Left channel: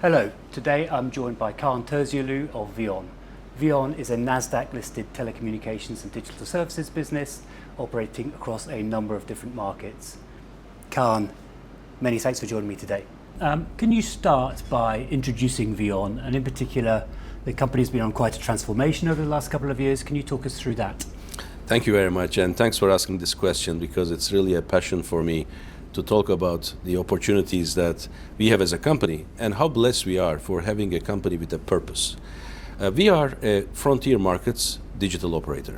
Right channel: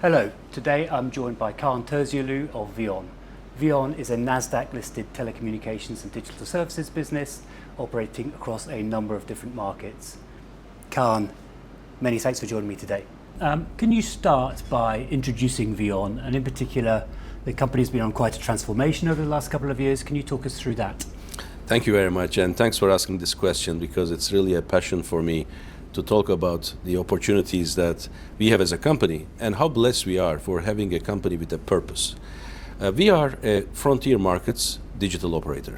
Hello, today I'm joined by Kaan Terzioğlu of VEON. VEON is a Nasdaq-listed telecommunications and digital services business operating across a number of different markets. Kaan, many thanks for joining me today. Can you start by introducing VEON, and in particular, the company's been on quite a transformation over the last couple of years. Can you talk us through that? Thank you very much, and thanks for asking this question, because it's really a passion for me to talk about the opportunities that we have as a company and how blessed we are for having a company with a purpose. We are a frontier markets digital operator.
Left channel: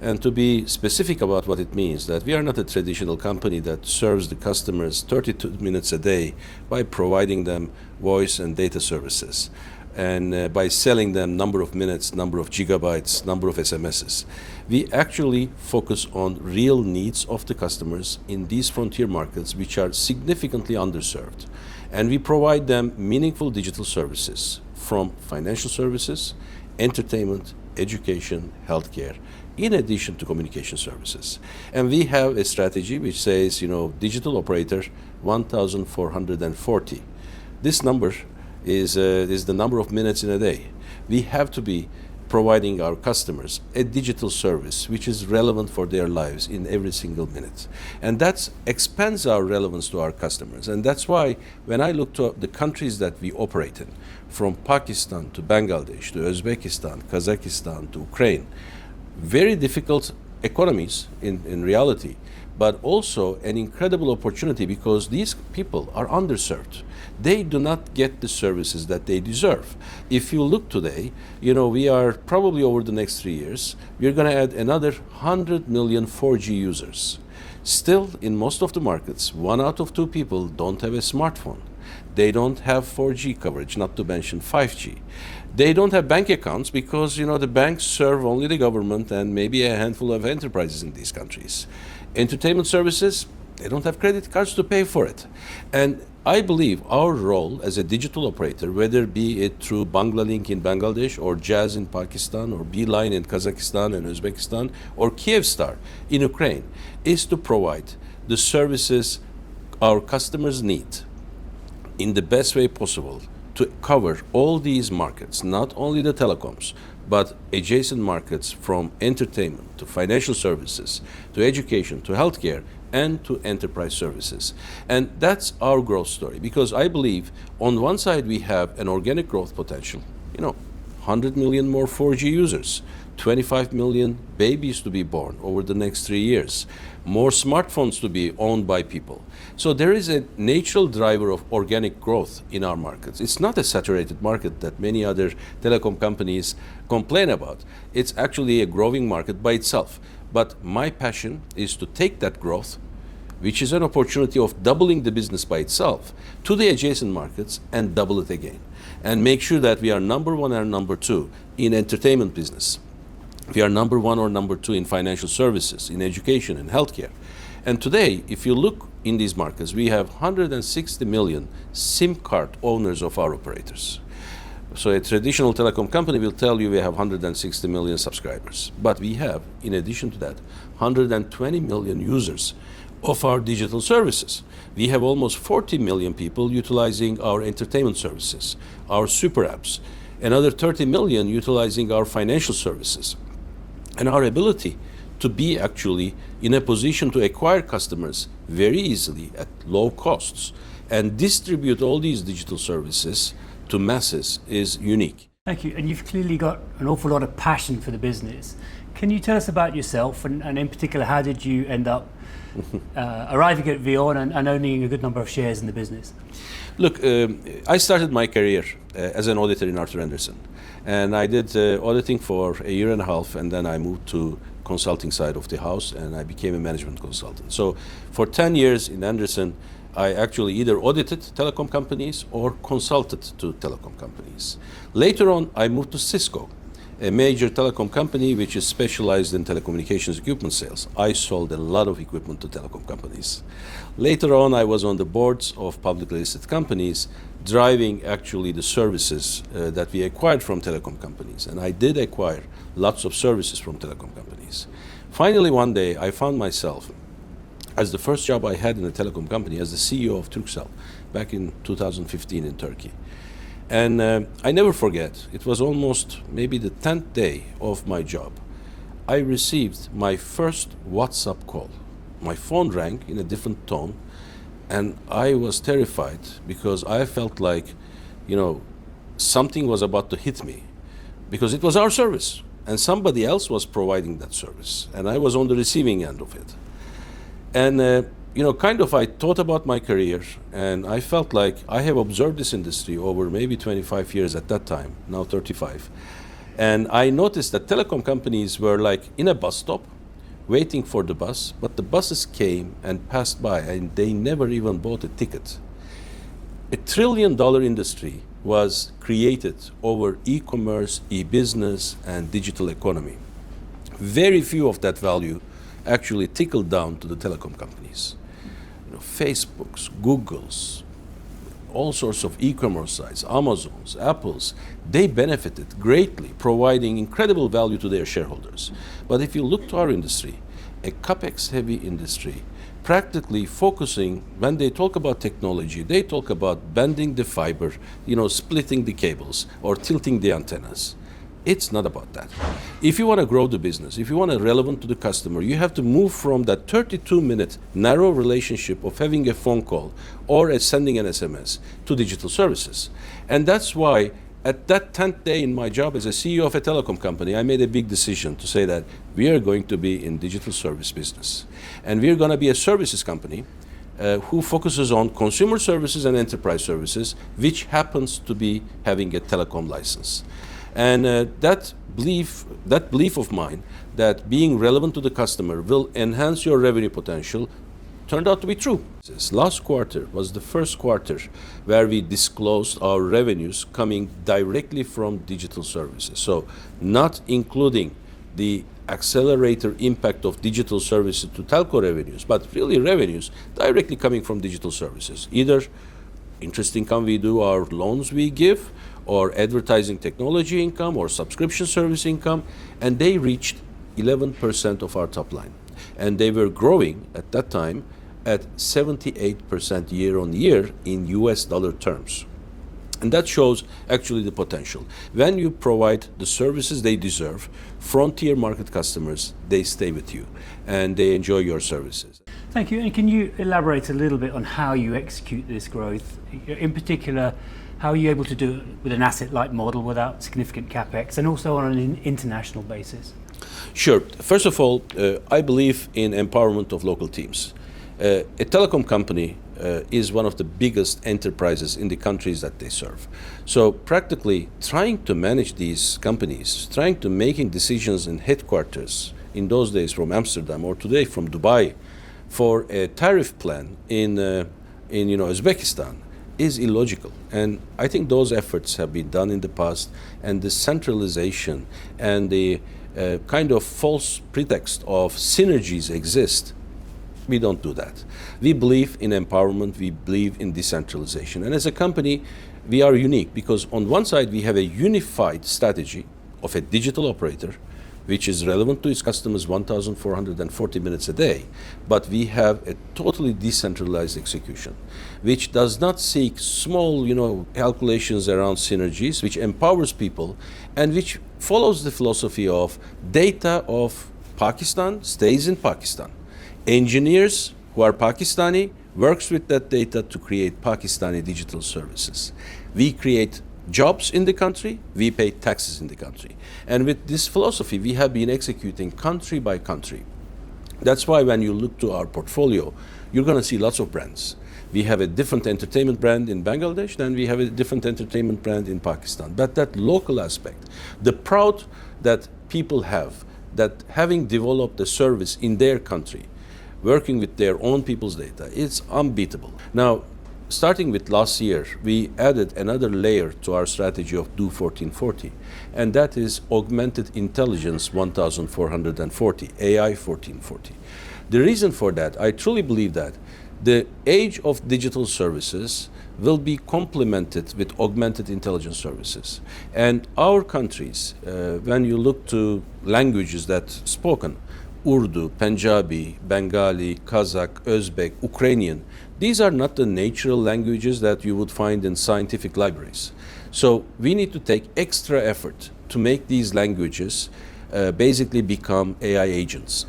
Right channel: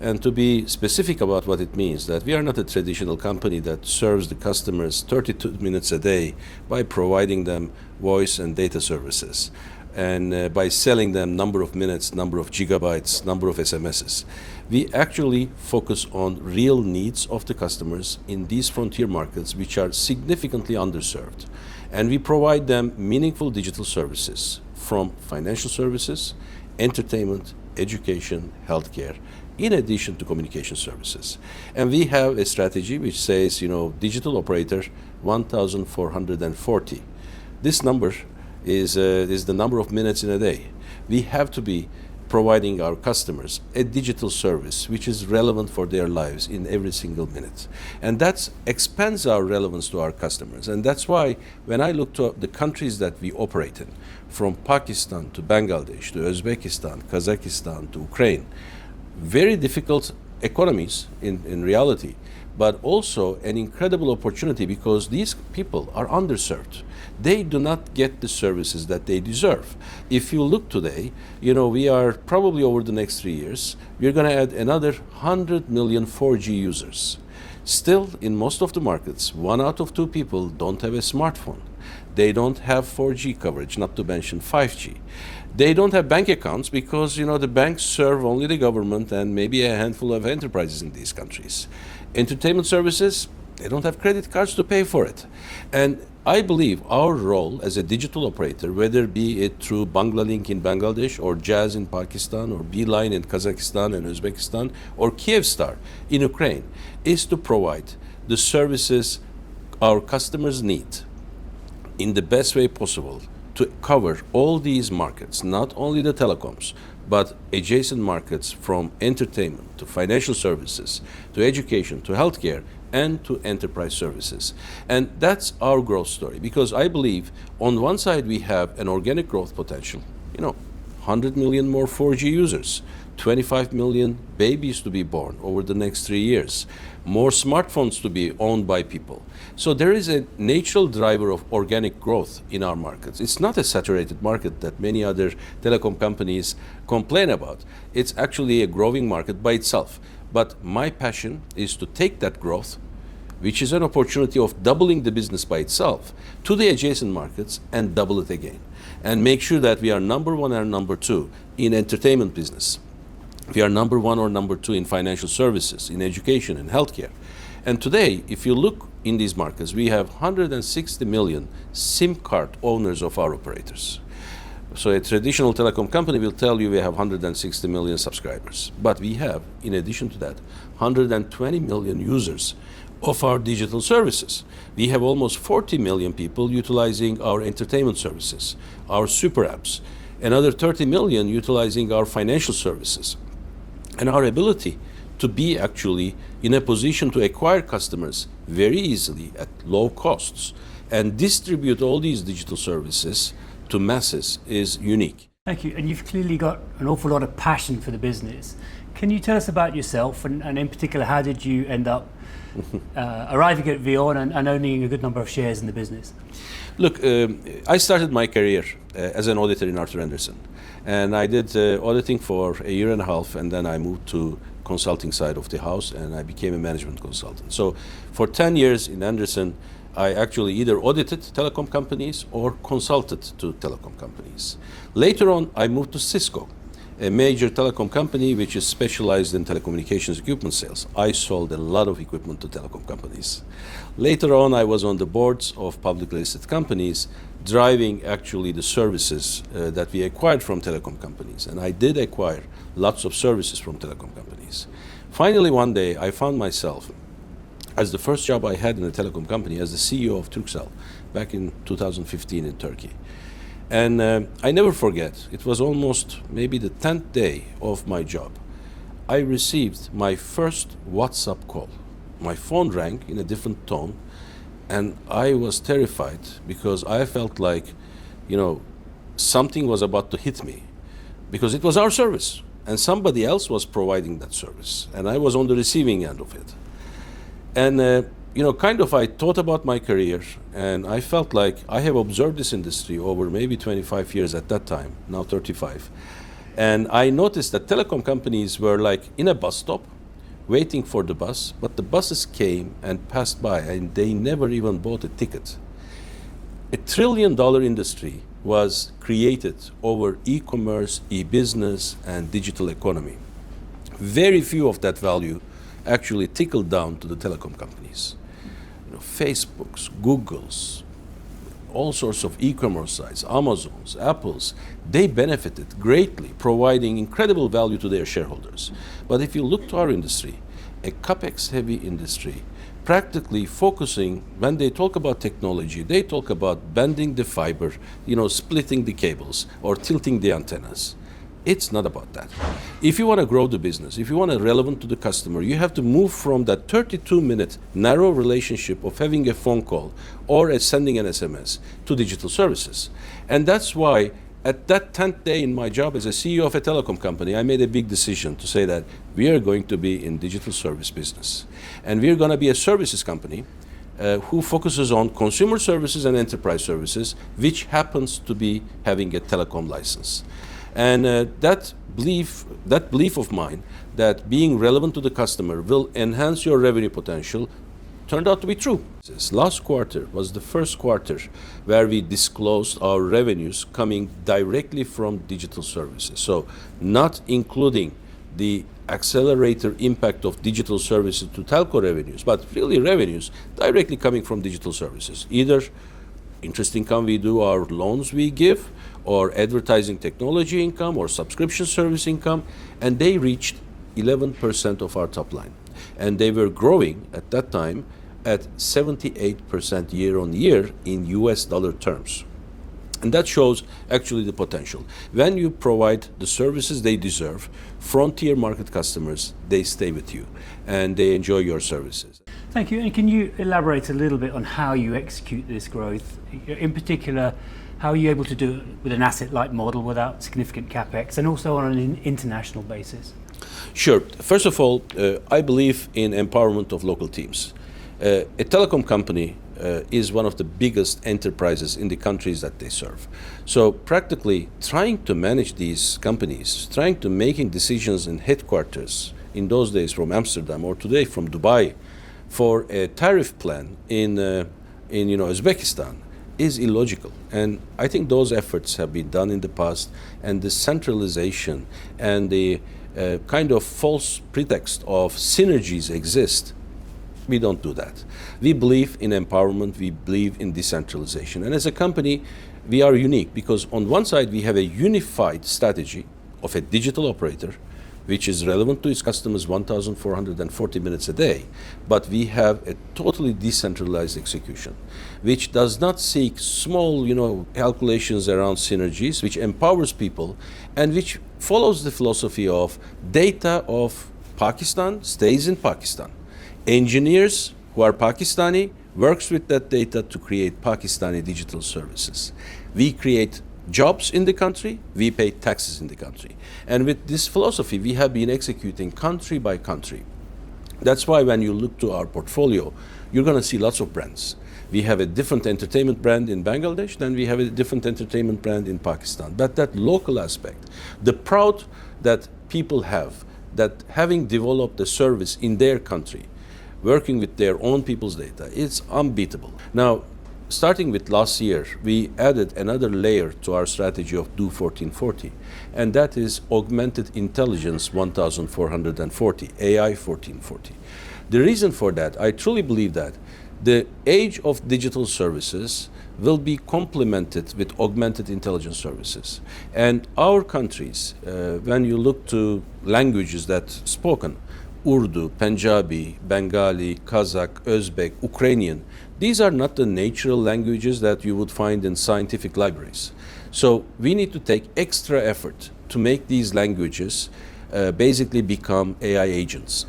And to be specific about what it means, that we are not a traditional company that serves the customers 32 minutes a day by providing them voice and data services, and by selling them number of minutes, number of gigabytes, number of SMSs. We actually focus on real needs of the customers in these frontier markets, which are significantly underserved. And we provide them meaningful digital services from financial services, entertainment, education, healthcare, in addition to communication services. And we have a strategy which says, digital operator 1,440. This number is the number of minutes in a day. We have to be providing our customers a digital service which is relevant for their lives in every single minute. And that expands our relevance to our customers. And that's why when I look to the countries that we operate in, from Pakistan to Bangladesh to Uzbekistan, Kazakhstan to Ukraine, very difficult economies in reality, but also an incredible opportunity because these people are underserved. They do not get the services that they deserve. If you look today, we are probably over the next 3 years, we're going to add another 100 million 4G users. Still, in most of the markets, 1 out of 2 people don't have a smartphone. They don't have 4G coverage, not to mention 5G. They don't have bank accounts because, the banks serve only the government and maybe a handful of enterprises in these countries. Entertainment services, they don't have credit cards to pay for it. And I believe our role as a digital operator, whether be it through Banglalink in Bangladesh or Jazz in Pakistan or Beeline in Kazakhstan and Uzbekistan or Kyivstar in Ukraine, is to provide the services our customers need in the best way possible to cover all these markets, not only the telecoms, but adjacent markets from entertainment to financial services, to education, to healthcare, and to enterprise services. And that's our growth story, because I believe on one side we have an organic growth potential, 100 million more 4G users, 25 million babies to be born over the next 3 years, more smartphones to be owned by people. So there is a natural driver of organic growth in our markets. It's not a saturated market that many other telecom companies complain about. It's actually a growing market by itself. But my passion is to take that growth, which is an opportunity of doubling the business by itself, to the adjacent markets and double it again. And make sure that we are number 1 and number 2 in entertainment business. We are number 1 or number 2 in financial services, in education and healthcare. And today, if you look in these markets, we have 160 million SIM card owners of our operators. So a traditional telecom company will tell you we have 160 million subscribers. But we have, in addition to that, 120 million users of our digital services. We have almost 40 million people utilizing our entertainment services, our super apps, another 30 million utilizing our financial services. And our ability to be actually in a position to acquire customers very easily at low costs and distribute all these digital services to masses is unique. Thank you. And you've clearly got an awful lot of passion for the business. Can you tell us about yourself, and in particular, how did you end up arriving at VEON and owning a good number of shares in the business? Look, I started my career as an auditor in Arthur Andersen. And I did auditing for 1.5 years, and then I moved to consulting side of the house, and I became a management consultant. So for 10 years in Andersen, I actually either audited telecom companies or consulted to telecom companies. Later on, I moved to Cisco, a major telecom company which is specialized in telecommunications equipment sales. I sold a lot of equipment to telecom companies. Later on, I was on the boards of publicly listed companies, driving actually the services that we acquired from telecom companies. And I did acquire lots of services from telecom companies. Finally, one day, I found myself, as the first job I had in a telecom company, as the CEO of Turkcell, back in 2015 in Turkey. And I never forget, it was almost maybe the 10th day of my job. I received my first WhatsApp call. My phone rang in a different tone, and I was terrified because I felt like, something was about to hit me, because it was our service and somebody else was providing that service, and I was on the receiving end of it. And I thought about my career, and I felt like I have observed this industry over maybe 25 years at that time, now 35. And I noticed that telecom companies were like in a bus stop, waiting for the bus, but the buses came and passed by, and they never even bought a ticket. $1 trillion industry was created over e-commerce, e-business, and digital economy. Very few of that value actually trickled down to the telecom companies. Facebooks, Googles, all sorts of e-commerce sites, Amazons, Apples, they benefited greatly, providing incredible value to their shareholders. But if you look to our industry, a capex-heavy industry, practically focusing, when they talk about technology, they talk about bending the fiber, splitting the cables, or tilting the antennas. It's not about that. If you want to grow the business, if you want to be relevant to the customer, you have to move from that 32-minute narrow relationship of having a phone call or sending an SMS to digital services. And that's why at that 10th day in my job as a CEO of a telecom company, I made a big decision to say that we are going to be in digital service business. And we're going to be a services company who focuses on consumer services and enterprise services, which happens to be having a telecom license. And that belief of mine, that being relevant to the customer will enhance your revenue potential, turned out to be true. This last quarter was the first quarter where we disclosed our revenues coming directly from digital services. So not including the accelerator impact of digital services to telco revenues, but really revenues directly coming from digital services. Either interest income we do, our loans we give, or advertising technology income, or subscription service income, and they reached 11% of our top line. And they were growing at that time at 78% year on year in US dollar terms. And that shows actually the potential. When you provide the services they deserve, frontier market customers, they stay with you and they enjoy your services. Thank you. And can you elaborate a little bit on how you execute this growth? In particular, how are you able to do it with an asset-light model without significant capex, and also on an international basis? Sure. First of all, I believe in empowerment of local teams. A telecom company is one of the biggest enterprises in the countries that they serve. So practically trying to manage these companies, trying to making decisions in headquarters, in those days from Amsterdam or today from Dubai, for a tariff plan in Uzbekistan is illogical. And I think those efforts have been done in the past, and the centralization and the kind of false pretext of synergies exist. We don't do that. We believe in empowerment, we believe in decentralization. And as a company, we are unique because on one side we have a unified strategy of a digital operator, which is relevant to its customers 1,440 minutes a day. But we have a totally decentralized execution, which does not seek small, calculations around synergies, which empowers people, and which follows the philosophy of data of Pakistan stays in Pakistan. Engineers who are Pakistani works with that data to create Pakistani digital services. We create jobs in the country, we pay taxes in the country. And with this philosophy, we have been executing country by country. That's why when you look to our portfolio, you're going to see lots of brands. We have a different entertainment brand in Bangladesh, then we have a different entertainment brand in Pakistan. But that local aspect, the pride that people have, that having developed a service in their country, working with their own people's data, it's unbeatable. Now, starting with last year, we added another layer to our strategy of Do 1440, and that is Augmented Intelligence 1440, AI 1440. The reason for that, I truly believe that the age of digital services will be complemented with augmented intelligence services. And our countries, when you look to languages that spoken, Urdu, Punjabi, Bengali, Kazakh, Uzbek, Ukrainian, these are not the natural languages that you would find in scientific libraries. So we need to take extra effort to make these languages basically become AI agents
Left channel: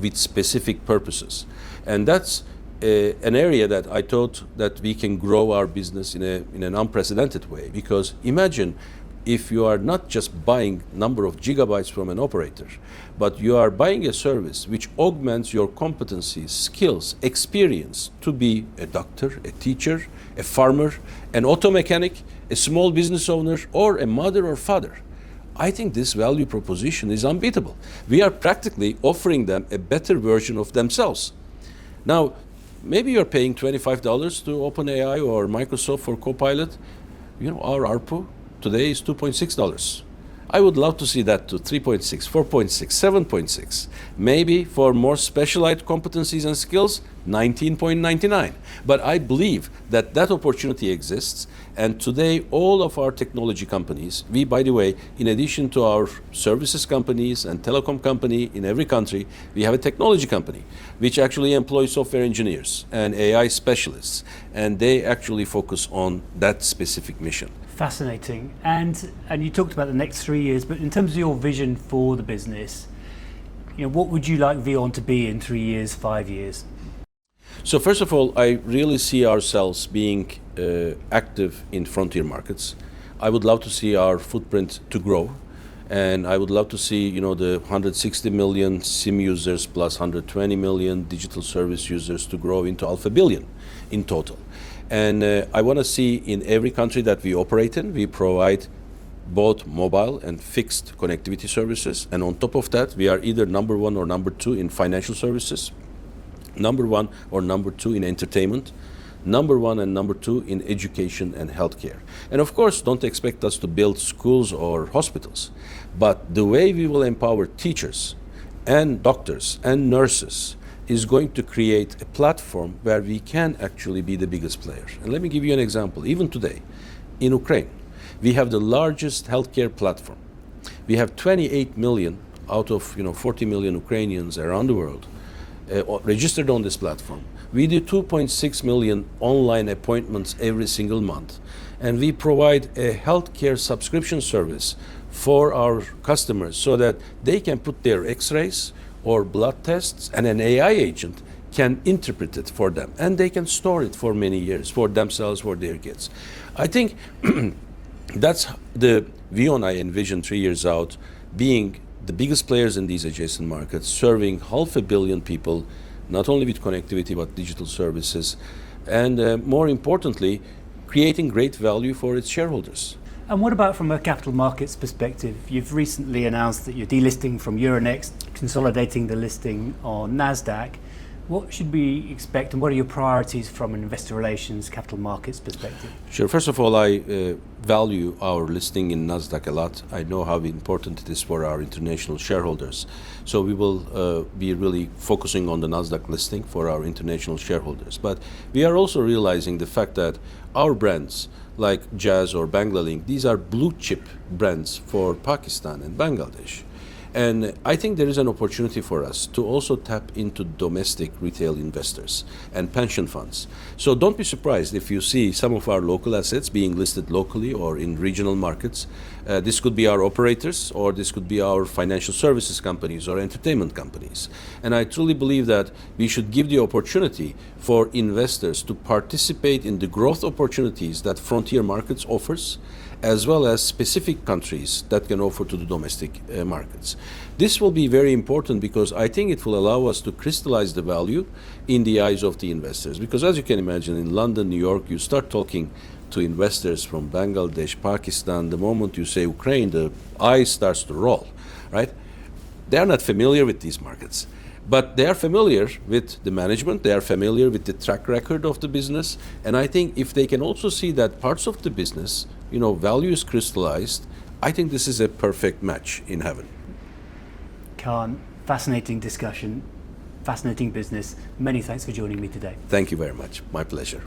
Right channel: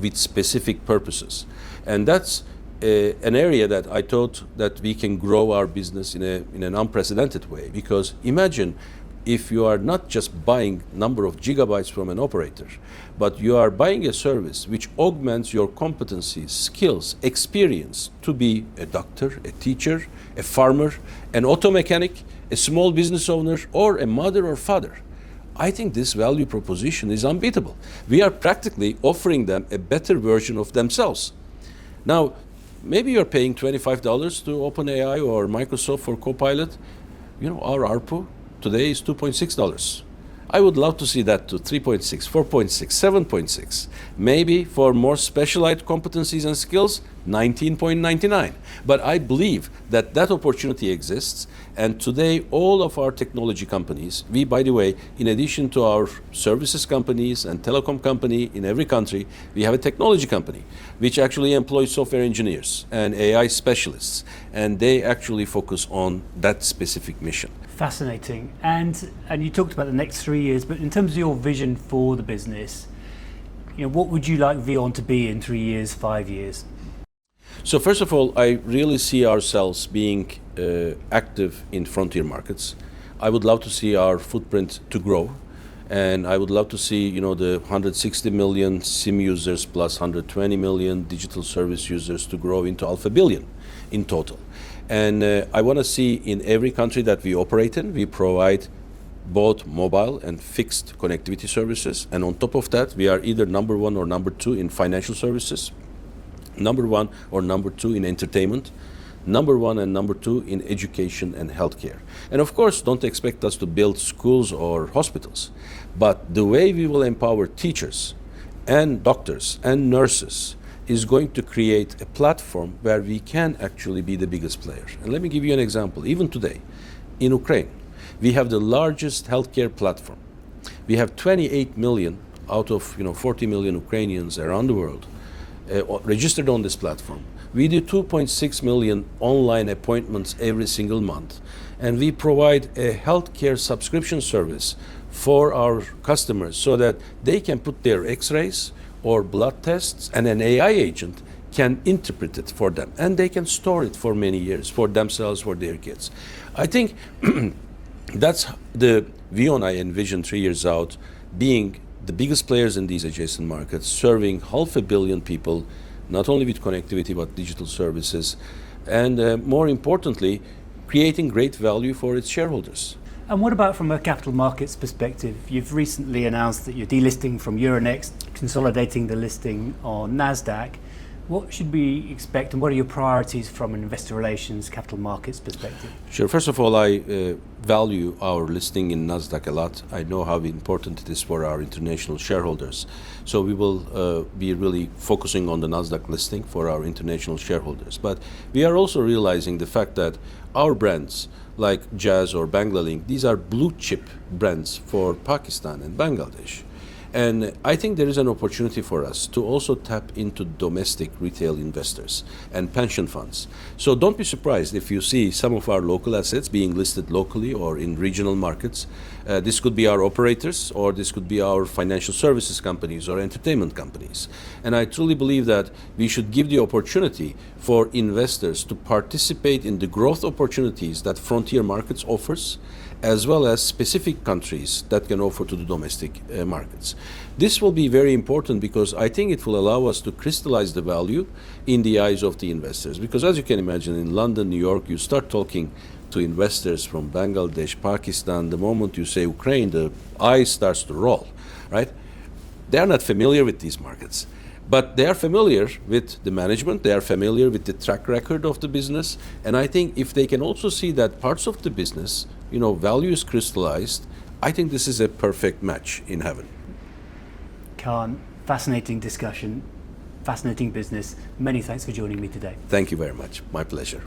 with specific purposes. And that's an area that I thought that we can grow our business in an unprecedented way. Because imagine if you are not just buying number of gigabytes from an operator, but you are buying a service which augments your competencies, skills, experience to be a doctor, a teacher, a farmer, an auto mechanic, a small business owner, or a mother or father. I think this value proposition is unbeatable. We are practically offering them a better version of themselves. Now, maybe you're paying $25 to OpenAI or Microsoft for Copilot. You know, our ARPU today is $2.6. I would love to see that to 3.6, 4.6, 7.6. Maybe for more specialized competencies and skills, 19.99. But I believe that that opportunity exists. And today, all of our technology companies, we, by the way, in addition to our services companies and telecom company in every country, we have a technology company, which actually employs software engineers and AI specialists. And they actually focus on that specific mission. Fascinating. And you talked about the next 3 years, but in terms of your vision for the business, you know, what would you like VEON to be in 3 years, 5 years? So first of all, I really see ourselves being active in frontier markets. I would love to see our footprint to grow, and I would love to see, you know, the 160 million SIM users plus 120 million digital service users to grow into 500 million in total. And I want to see in every country that we operate in, we provide both mobile and fixed connectivity services. And on top of that, we are either number one or number two in financial services, number one or number two in entertainment, number one and number two in education and healthcare. And of course, don't expect us to build schools or hospitals. But the way we will empower teachers and doctors and nurses is going to create a platform where we can actually be the biggest player. And let me give you an example. Even today, in Ukraine, we have the largest healthcare platform. We have 28 million out of 40 million Ukrainians around the world registered on this platform. We do 2.6 million online appointments every single month. And we provide a healthcare subscription service for our customers so that they can put their x-rays or blood tests, and an AI agent can interpret it for them. And they can store it for many years, for themselves, for their kids. I think that's the VEON I envision 3 years out, being the biggest players in these adjacent markets, serving 500 million people, not only with connectivity, but digital services. And more importantly, creating great value for its shareholders. And what about from a capital markets perspective? You've recently announced that you're delisting from Euronext, consolidating the listing on NASDAQ. What should we expect, and what are your priorities from an investor relations, capital markets perspective? Sure. First of all, I value our listing in NASDAQ a lot. I know how important it is for our international shareholders. So we will be really focusing on the NASDAQ listing for our international shareholders. But we are also realizing the fact that our brands like Jazz or Banglalink, these are blue chip brands for Pakistan and Bangladesh. And I think there is an opportunity for us to also tap into domestic retail investors and pension funds. So don't be surprised if you see some of our local assets being listed locally or in regional markets. This could be our operators, or this could be our financial services companies or entertainment companies. And I truly believe that we should give the opportunity for investors to participate in the growth opportunities that frontier markets offers, as well as specific countries that can offer to the domestic markets. This will be very important because I think it will allow us to crystallize the value in the eyes of the investors. Because as you can imagine, in London, New York, you start talking to investors from Bangladesh, Pakistan, the moment you say Ukraine, the eye starts to roll, right? They are not familiar with these markets, but they are familiar with the management, they are familiar with the track record of the business, and I think if they can also see that parts of the business, value is crystallized, I think this is a perfect match in heaven. Kaan, fascinating discussion, fascinating business. Many thanks for joining me today. Thank you very much. My pleasure.